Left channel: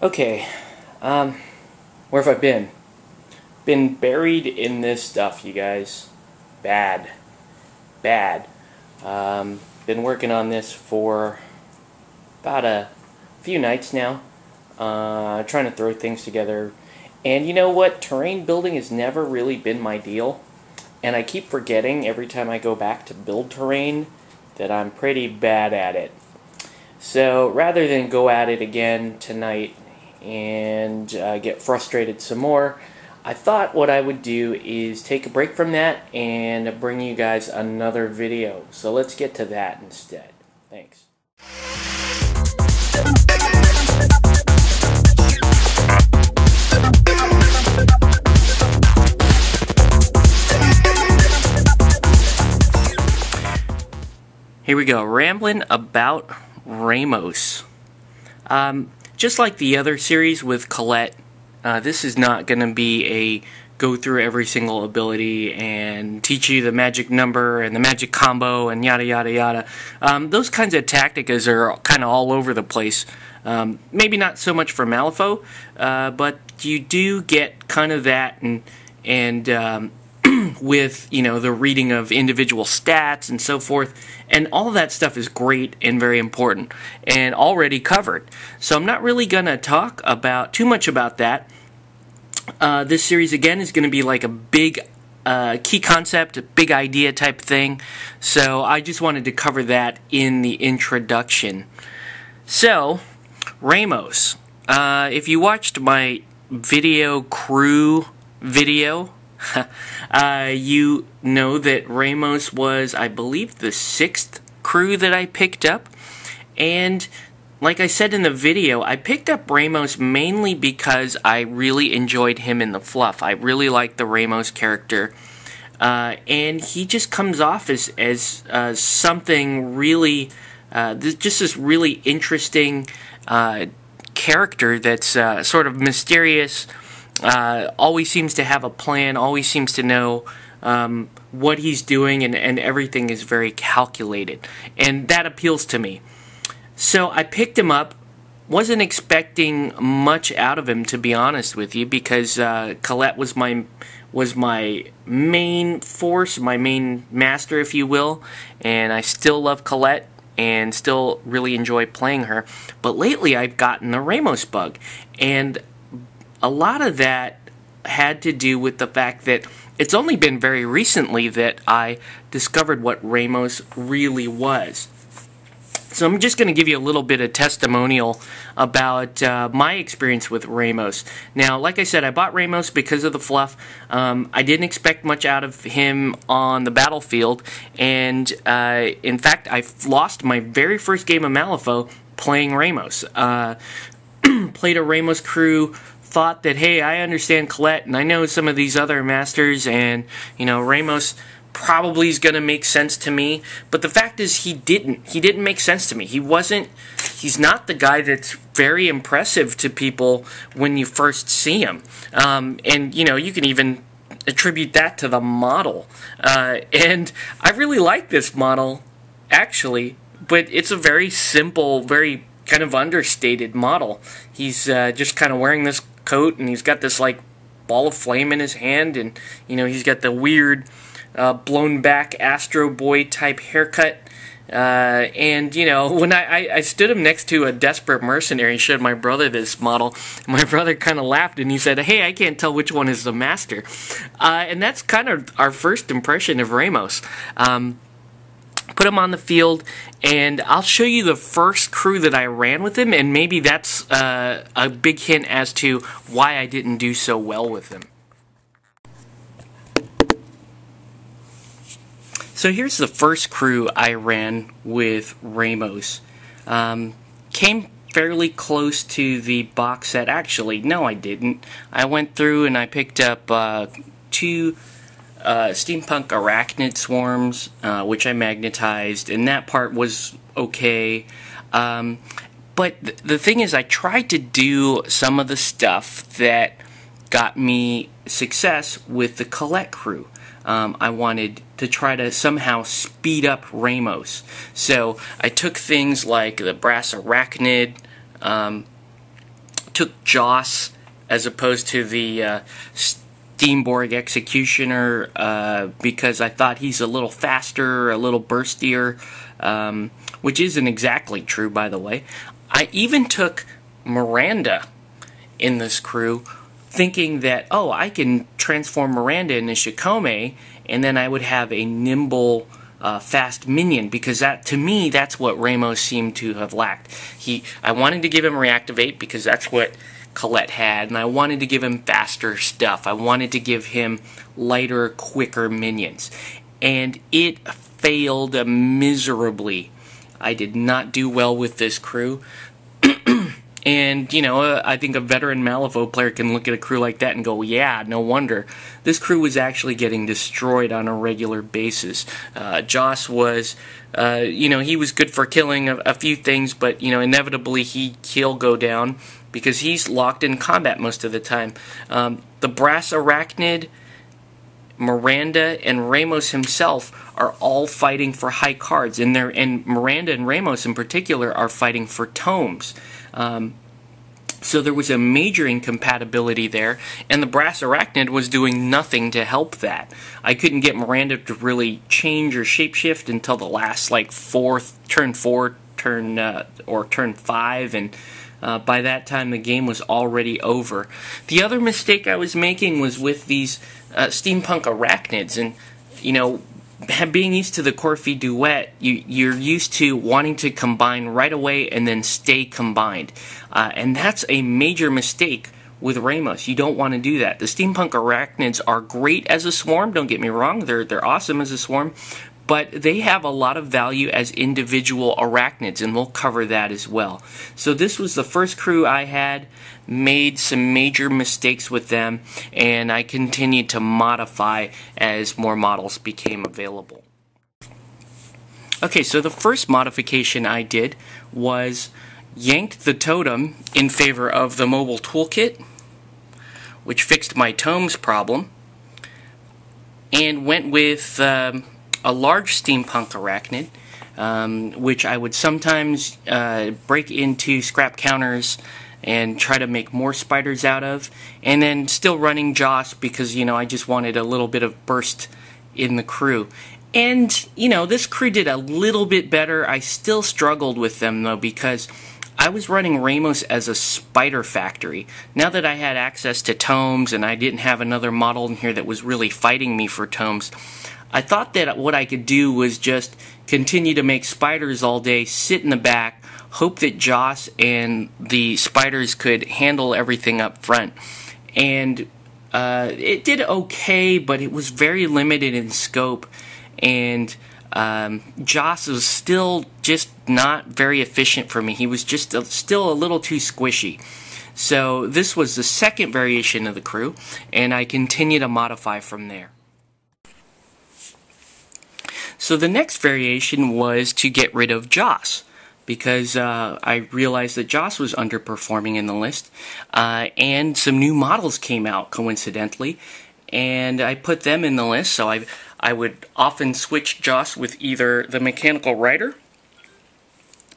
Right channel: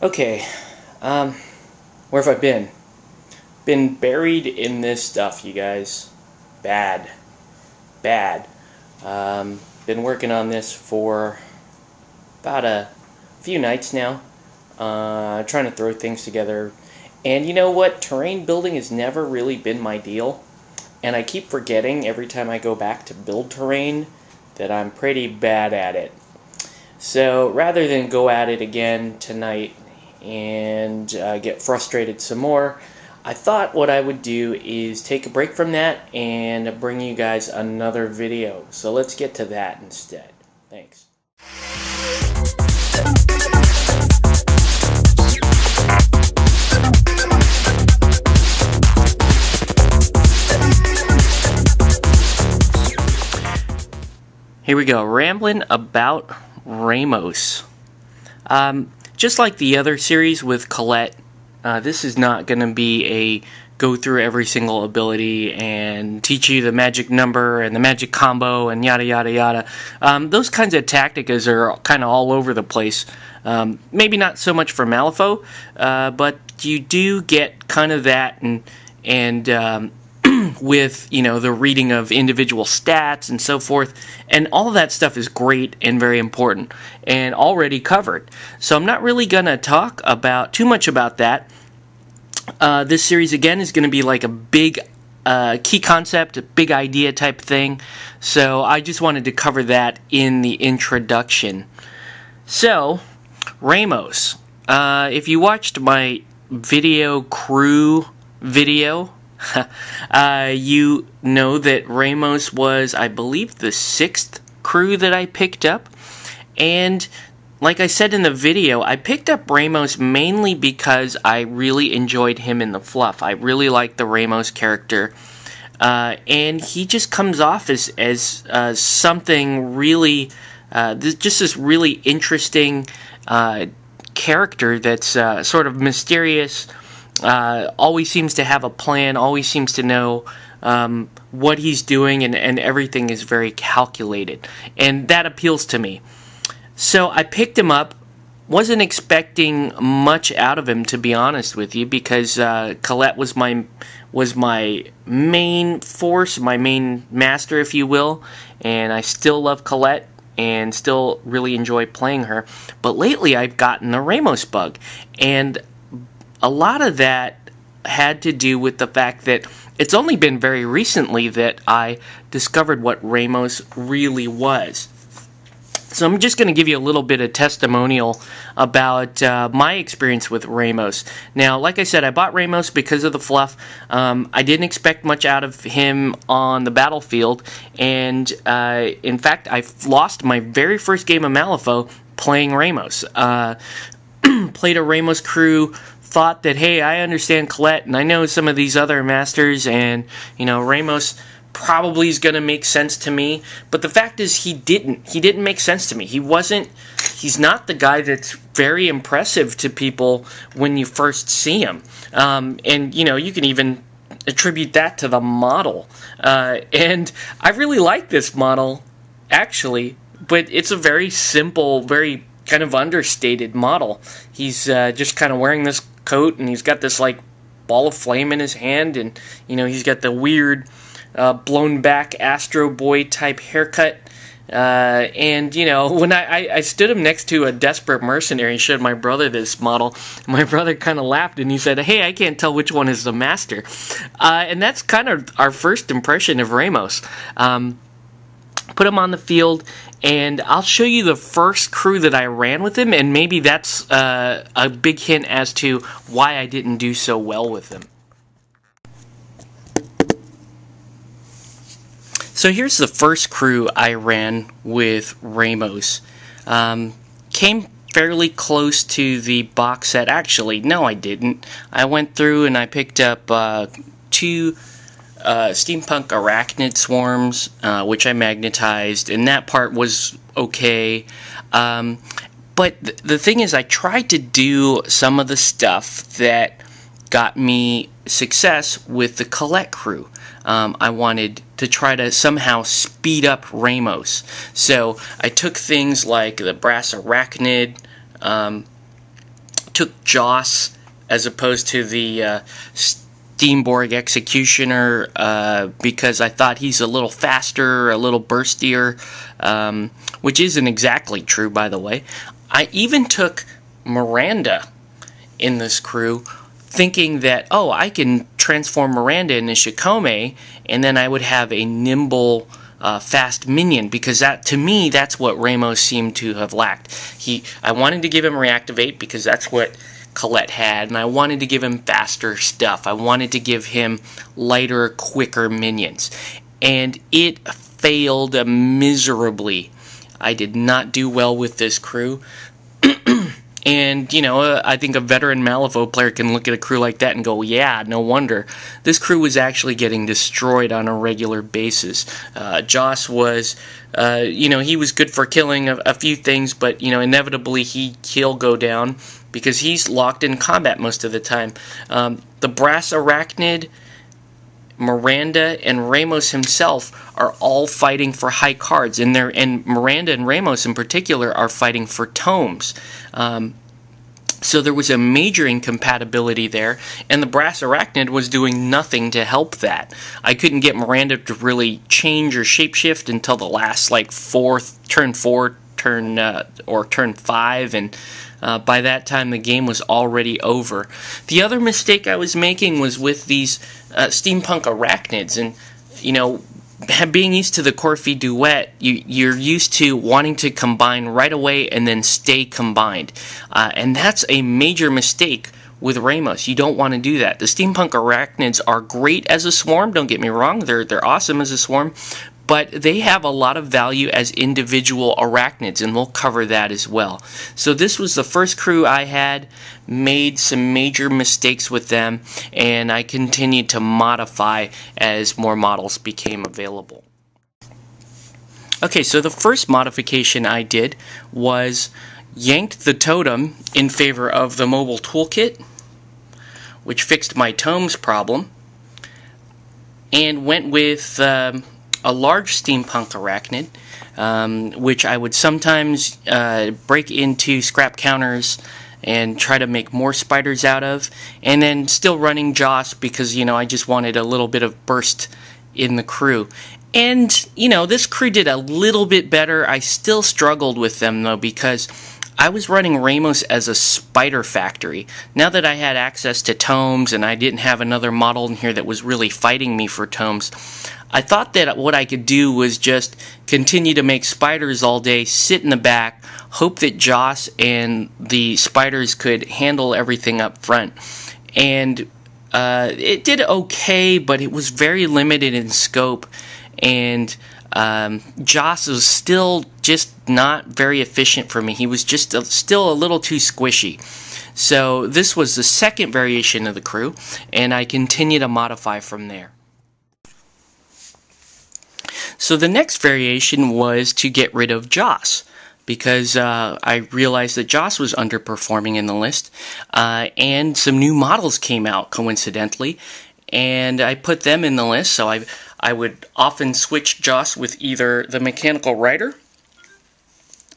Okay, where have I been? Been buried in this stuff, you guys. Bad. Bad. Been working on this for about a few nights now. Trying to throw things together. And you know what? Terrain building has never really been my deal. And I keep forgetting every time I go back to build terrain that I'm pretty bad at it. So rather than go at it again tonight and get frustrated some more, I thought what I would do is take a break from that and bring you guys another video. So let's get to that instead. Thanks. Here we go, Ramblin about Ramos. Just like the other series with Colette, this is not going to be a go through every single ability and teach you the magic number and the magic combo and yada yada yada. Those kinds of tactics are kind of all over the place. Maybe not so much for Malifaux, but you do get kind of that and with, you know, the reading of individual stats and so forth, and all that stuff is great and very important and already covered. So I'm not really going to talk about too much about that. This series again is going to be like a big key concept, a big idea type thing. So I just wanted to cover that in the introduction. So Ramos, if you watched my video crew video, you know that Ramos was, I believe, the 6th crew that I picked up. And like I said in the video, I picked up Ramos mainly because I really enjoyed him in the fluff. I really like the Ramos character. And he just comes off as something really, just this really interesting character that's sort of mysterious. Always seems to have a plan, always seems to know what he's doing, and everything is very calculated. And that appeals to me. So I picked him up. Wasn't expecting much out of him, to be honest with you, because Colette was my main force, my main master, if you will. And I still love Colette and still really enjoy playing her. But lately I've gotten the Ramos bug. And a lot of that had to do with the fact that it's only been very recently that I discovered what Ramos really was. So I'm just going to give you a little bit of testimonial about my experience with Ramos. Now, like I said, I bought Ramos because of the fluff. I didn't expect much out of him on the battlefield, and in fact, I lost my very first game of Malifaux playing Ramos. Played a Ramos crew, thought that, hey, I understand Colette, and I know some of these other masters, and, you know, Ramos probably is going to make sense to me. But the fact is, he didn't. He didn't make sense to me. He's not the guy that's very impressive to people when you first see him. And, you know, you can even attribute that to the model. And I really like this model, actually, but it's a very simple, very kind of understated model. He's just kind of wearing this coat, and he's got this like ball of flame in his hand, and you know, he's got the weird blown back Astro Boy type haircut, and you know, when I stood him next to a desperate mercenary and showed my brother this model, my brother kind of laughed and he said, hey, I can't tell which one is the master. And that's kind of our first impression of Ramos. Put him on the field, and I'll show you the first crew that I ran with him, and maybe that's a big hint as to why I didn't do so well with him. So here's the first crew I ran with Ramos. Came fairly close to the box set. Actually, no, I didn't. I went through and I picked up 2 steampunk arachnid swarms, which I magnetized, and that part was okay. But the thing is, I tried to do some of the stuff that got me success with the Colette crew. I wanted to try to somehow speed up Ramos. So I took things like the brass arachnid, took Joss as opposed to the Steamborg Executioner because I thought he's a little faster, a little burstier, which isn't exactly true, by the way. I even took Miranda in this crew, thinking that, oh, I can transform Miranda into Shikome, and then I would have a nimble, fast minion, because that, to me, that's what Ramos seemed to have lacked. I wanted to give him Reactivate because that's what Colette had, and I wanted to give him faster stuff. I wanted to give him lighter, quicker minions. And it failed miserably. I did not do well with this crew. And, you know, I think a veteran Malifaux player can look at a crew like that and go, yeah, no wonder. This crew was actually getting destroyed on a regular basis. Joss was, you know, he was good for killing a few things, but, you know, inevitably he'll go down because he's locked in combat most of the time. The Brass Arachnid, Miranda, and Ramos himself are all fighting for high cards, and Miranda and Ramos in particular are fighting for tomes. So there was a major incompatibility there, and the Brass Arachnid was doing nothing to help that. I couldn't get Miranda to really change or shapeshift until the last, like, turn 4, or turn 5, and by that time the game was already over. The other mistake I was making was with these steampunk arachnids, and, you know, being used to the Corfi duet, you're used to wanting to combine right away and then stay combined. And that's a major mistake with Ramos. You don't want to do that. The steampunk arachnids are great as a swarm, don't get me wrong, they're awesome as a swarm, but they have a lot of value as individual arachnids, and we'll cover that as well. So this was the first crew I had, made some major mistakes with them, and I continued to modify as more models became available. Okay, so the first modification I did was yanked the totem in favor of the mobile toolkit, which fixed my tomes problem, and went with a large steampunk arachnid, which I would sometimes break into scrap counters and try to make more spiders out of, and then still running Joss because, you know, I just wanted a little bit of burst in the crew. And, you know, this crew did a little bit better. I still struggled with them, though, because I was running Ramos as a spider factory. Now that I had access to tomes and I didn't have another model in here that was really fighting me for tomes, I thought that what I could do was just continue to make spiders all day, sit in the back, hope that Joss and the spiders could handle everything up front. And it did okay, but it was very limited in scope, and Joss was still just not very efficient for me. He was just still a little too squishy. So this was the second variation of the crew, and I continue to modify from there. So the next variation was to get rid of Joss, because I realized that Joss was underperforming in the list, and some new models came out coincidentally, and I put them in the list. So I would often switch Joss with either the Mechanical Rider,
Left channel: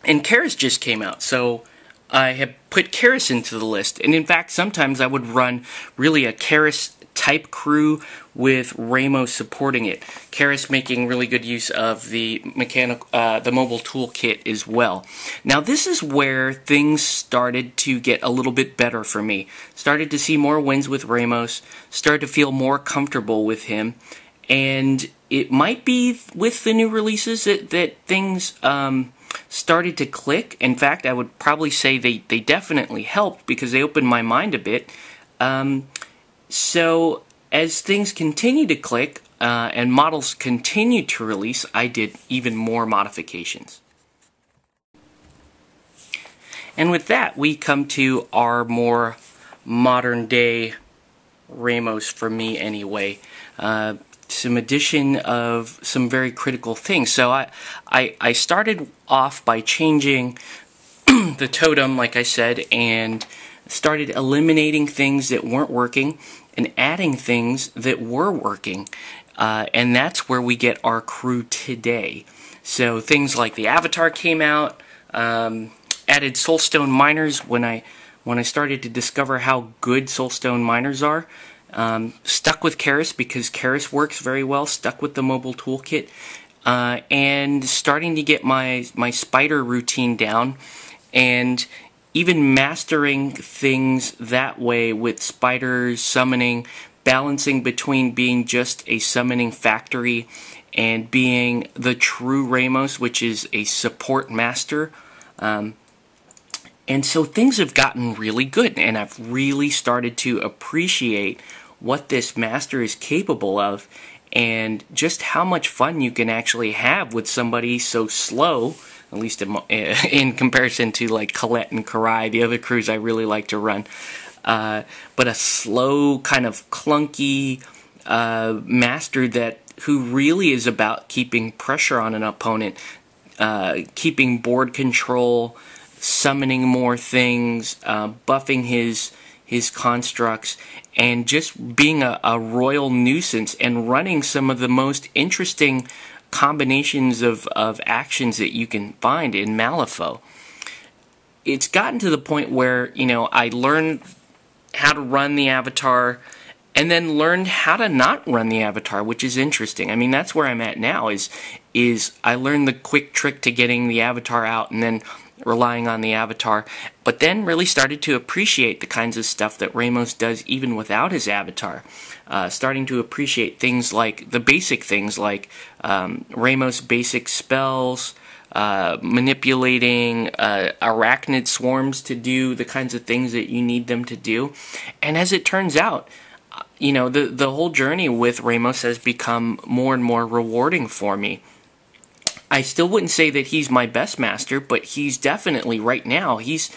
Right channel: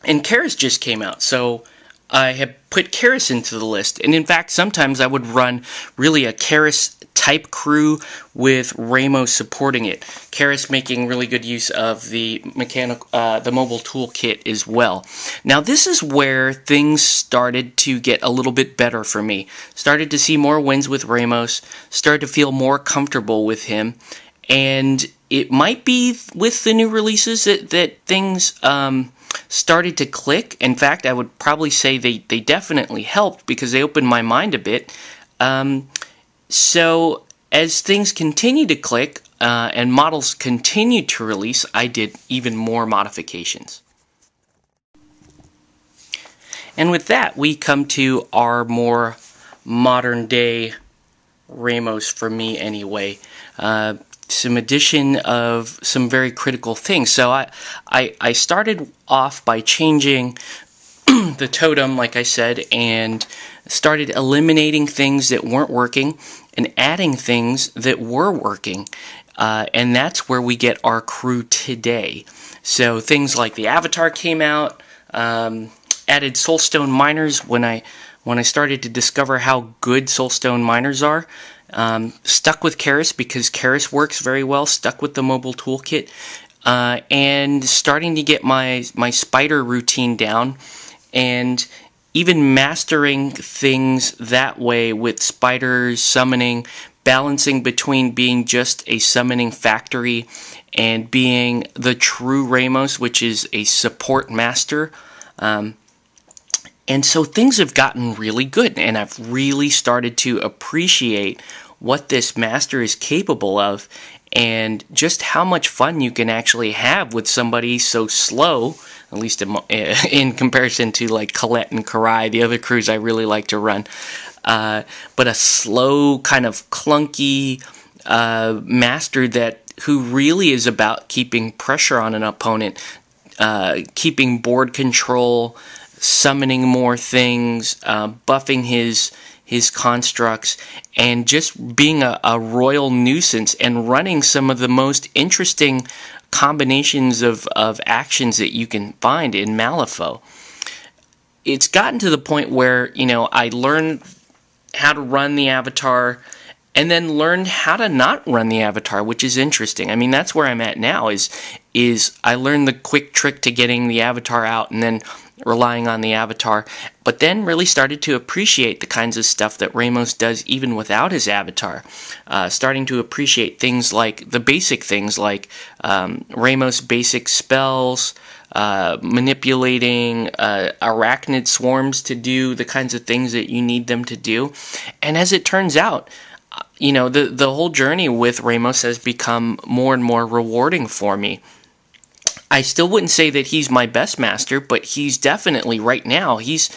and Karis just came out, so I have put Karis into the list. And in fact, sometimes I would run really a Karis type crew with Ramos supporting it. Karis making really good use of the mobile toolkit as well. Now this is where things started to get a little bit better for me. Started to see more wins with Ramos, started to feel more comfortable with him, and it might be with the new releases that things started to click. In fact, I would probably say they definitely helped because they opened my mind a bit. So as things continued to click and models continued to release, I did even more modifications. And with that, we come to our more modern day Ramos, for me anyway. Some addition of some very critical things. So I started off by changing the totem, like I said, and started eliminating things that weren't working and adding things that were working. And that's where we get our crew today. So things like the Avatar came out, added Soulstone Miners when when I started to discover how good Soulstone miners are. Stuck with Keras because Keras works very well, stuck with the mobile toolkit, and starting to get my spider routine down, and even mastering things that way with spiders, summoning, balancing between being just a summoning factory and being the true Ramos, which is a support master. And so things have gotten really good, and I've really started to appreciate what this master is capable of, and just how much fun you can actually have with somebody so slow, at least in comparison to like Colette and Karai, the other crews I really like to run. But a slow, kind of clunky master who really is about keeping pressure on an opponent, keeping board control, summoning more things, buffing his constructs, and just being a royal nuisance and running some of the most interesting combinations of actions that you can find in Malifaux. It's gotten to the point where, you know, I learned how to run the avatar and then learned how to not run the avatar, which is interesting. I mean, that's where I'm at now, is I learned the quick trick to getting the avatar out and then relying on the avatar, but then really started to appreciate the kinds of stuff that Ramos does even without his avatar. Starting to appreciate things like, the basic things like Ramos' basic spells, manipulating arachnid swarms to do the kinds of things that you need them to do. And as it turns out, you know, the whole journey with Ramos has become more and more rewarding for me. I still wouldn't say that he's my best master, but he's definitely, right now, he's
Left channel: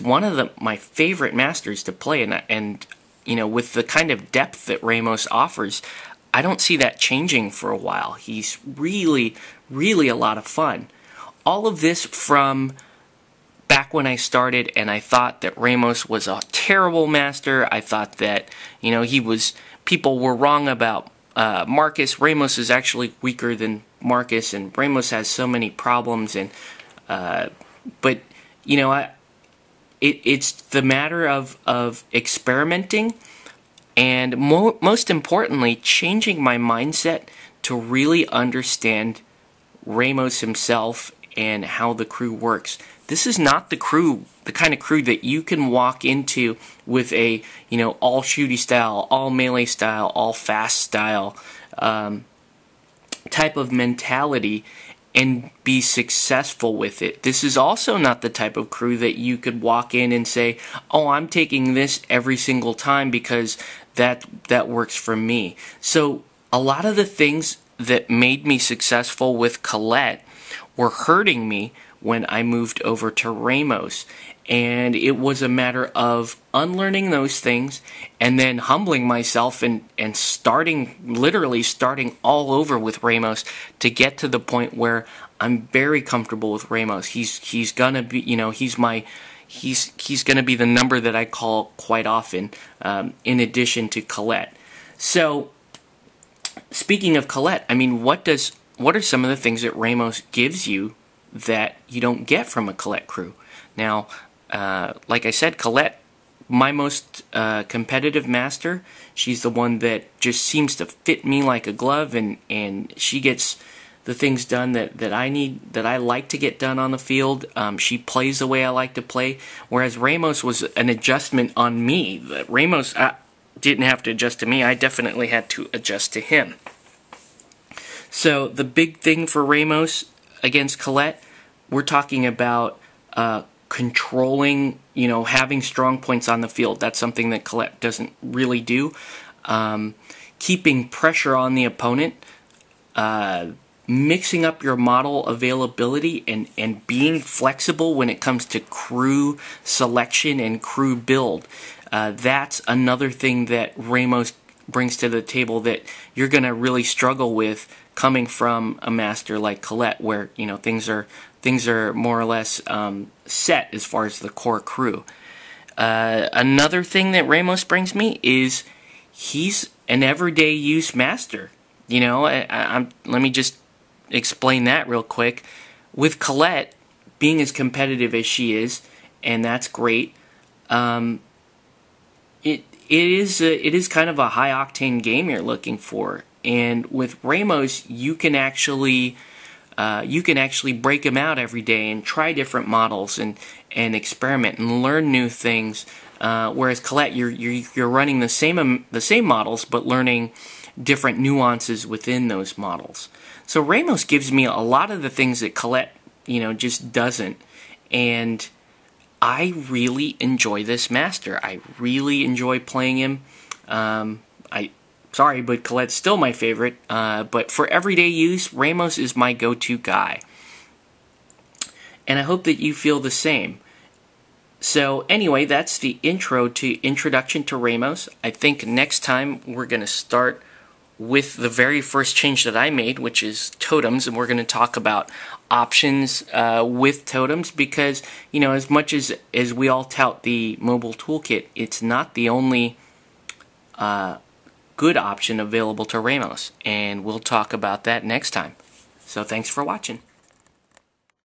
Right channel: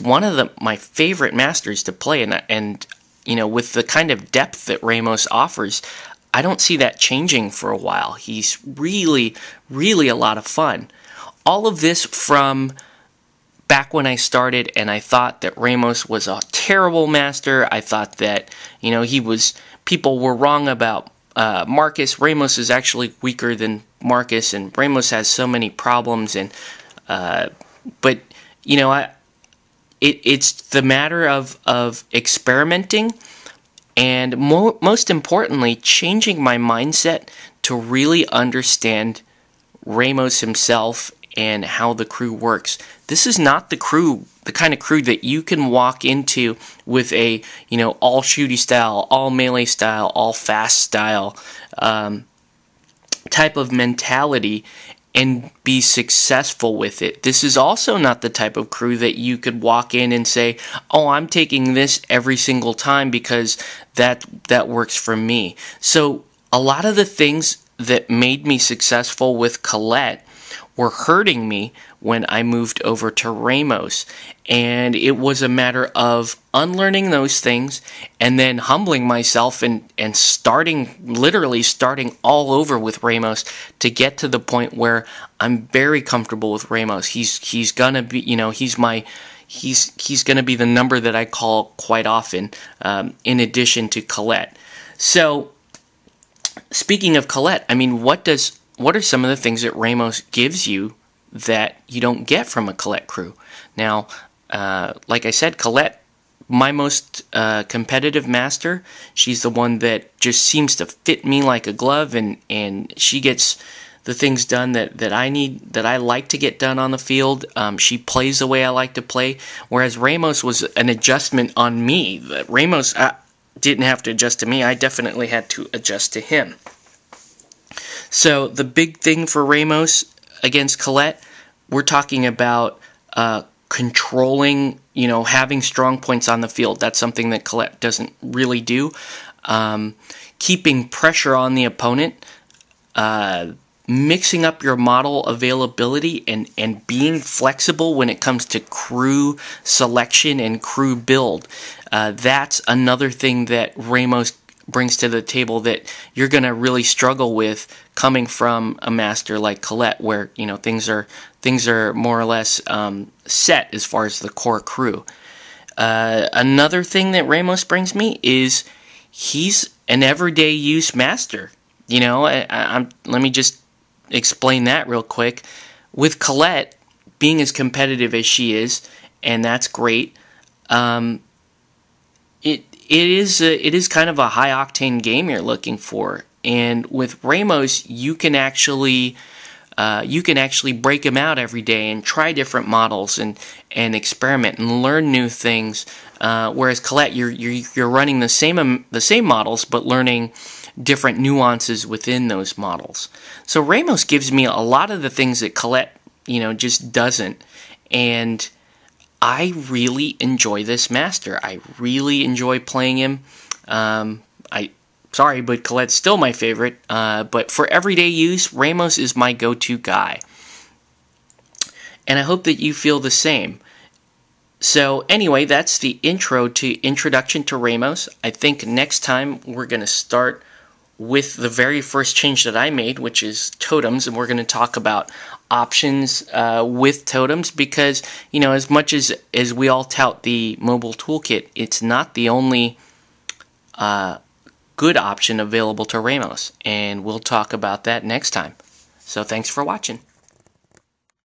one of my favorite masters to play, and you know, with the kind of depth that Ramos offers, I don't see that changing for a while. He's really, really a lot of fun. All of this from back when I started, and I thought that Ramos was a terrible master. I thought that, you know, people were wrong about Marcus. Ramos is actually weaker than Marcus, and Ramos has so many problems, and but you know, it's the matter of experimenting, and most importantly, changing my mindset to really understand Ramos himself and how the crew works. This is not the kind of crew that you can walk into with a, you know, all shooty style, all melee style, all fast style type of mentality and be successful with it. This is also not the type of crew that you could walk in and say, oh, I'm taking this every single time because that works for me. So a lot of the things that made me successful with Colette were hurting me when I moved over to Ramos. And it was a matter of unlearning those things and then humbling myself and literally starting all over with Ramos to get to the point where I'm very comfortable with Ramos. He's gonna be, you know, he's gonna be the number that I call quite often, in addition to Colette. So, speaking of Colette, I mean, what are some of the things that Ramos gives you that you don't get from a Colette crew? Now, like I said, Colette, my most competitive master. She's the one that just seems to fit me like a glove, and she gets the things done that I need, that I like to get done on the field. She plays the way I like to play, whereas Ramos was an adjustment on me. Ramos didn't have to adjust to me. I definitely had to adjust to him. So the big thing for Ramos against Colette, we're talking about controlling, you know, having strong points on the field. That's something that Colette doesn't really do. Keeping pressure on the opponent, mixing up your model availability, and being flexible when it comes to crew selection and crew build. That's another thing that Ramos brings to the table that you're going to really struggle with coming from a master like Colette, where, you know, things are more or less set as far as the core crew. Another thing that Ramos brings me is he's an everyday use master. You know, let me just explain that real quick. With Colette being as competitive as she is, and that's great, it is kind of a high octane game you're looking for, and with Ramos you can actually break them out every day and try different models and experiment and learn new things. Whereas Colette, you're running the same models but learning different nuances within those models. So Ramos gives me a lot of the things that Colette, just doesn't, and I really enjoy this master. I really enjoy playing him. Sorry, but Colette's still my favorite. But for everyday use, Ramos is my go-to guy. And I hope that you feel the same. So anyway, that's the intro to Introduction to Ramos. I think next time we're going to start with the very first change that I made, which is totems, and we're going to talk about options with totems, because as much as we all tout the mobile toolkit, it's not the only good option available to Ramos, and we'll talk about that next time. So thanks for watching.